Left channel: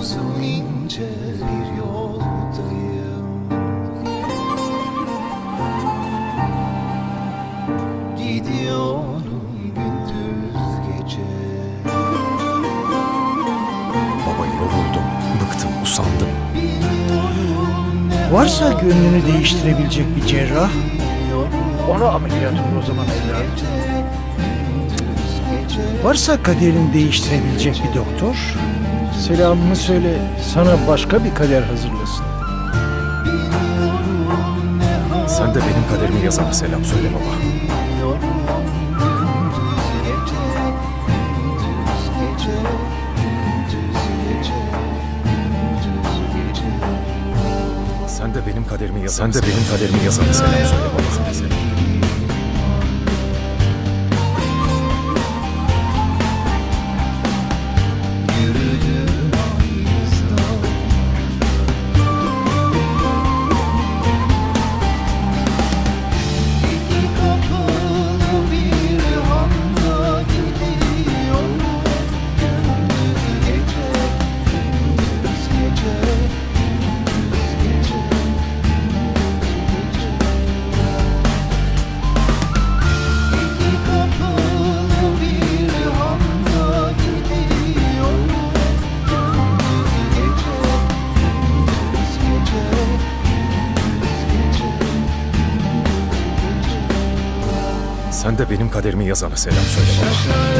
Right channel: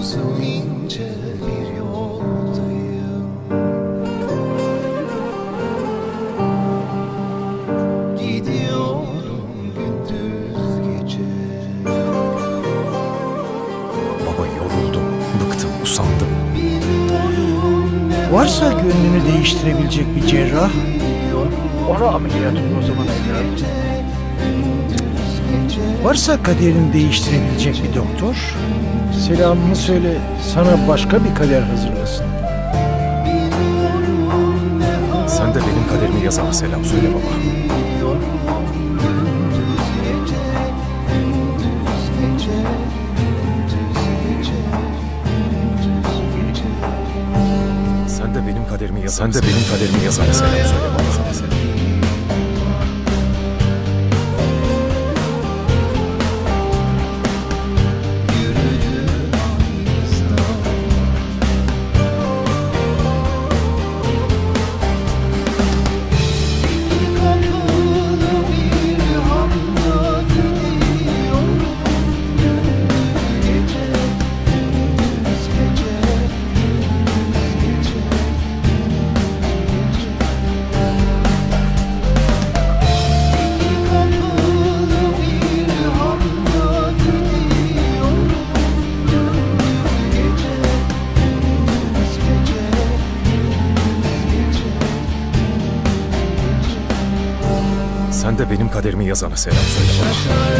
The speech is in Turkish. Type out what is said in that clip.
Uzun ince bir yoldayım. Gidiyorum gündüz gece. Baba yoruldum, bıktım, usandım. Bilmiyorum ne Varsa gönlünü değiştirebilecek bir cerrah, onu ameliyat ol o zaman evladım. Varsa kaderini değiştirebilecek bir doktor, selamımı söyle sana başka bir kader hazırlasın. Bilmiyorum ne Sen de benim kaderimi yazana selam söyle baba. Sen de benim kaderimi yazana Sen de benim kaderimi yazana selam söyle baba. Sen de benim kaderimi yazana selam söyle baba. Şaşar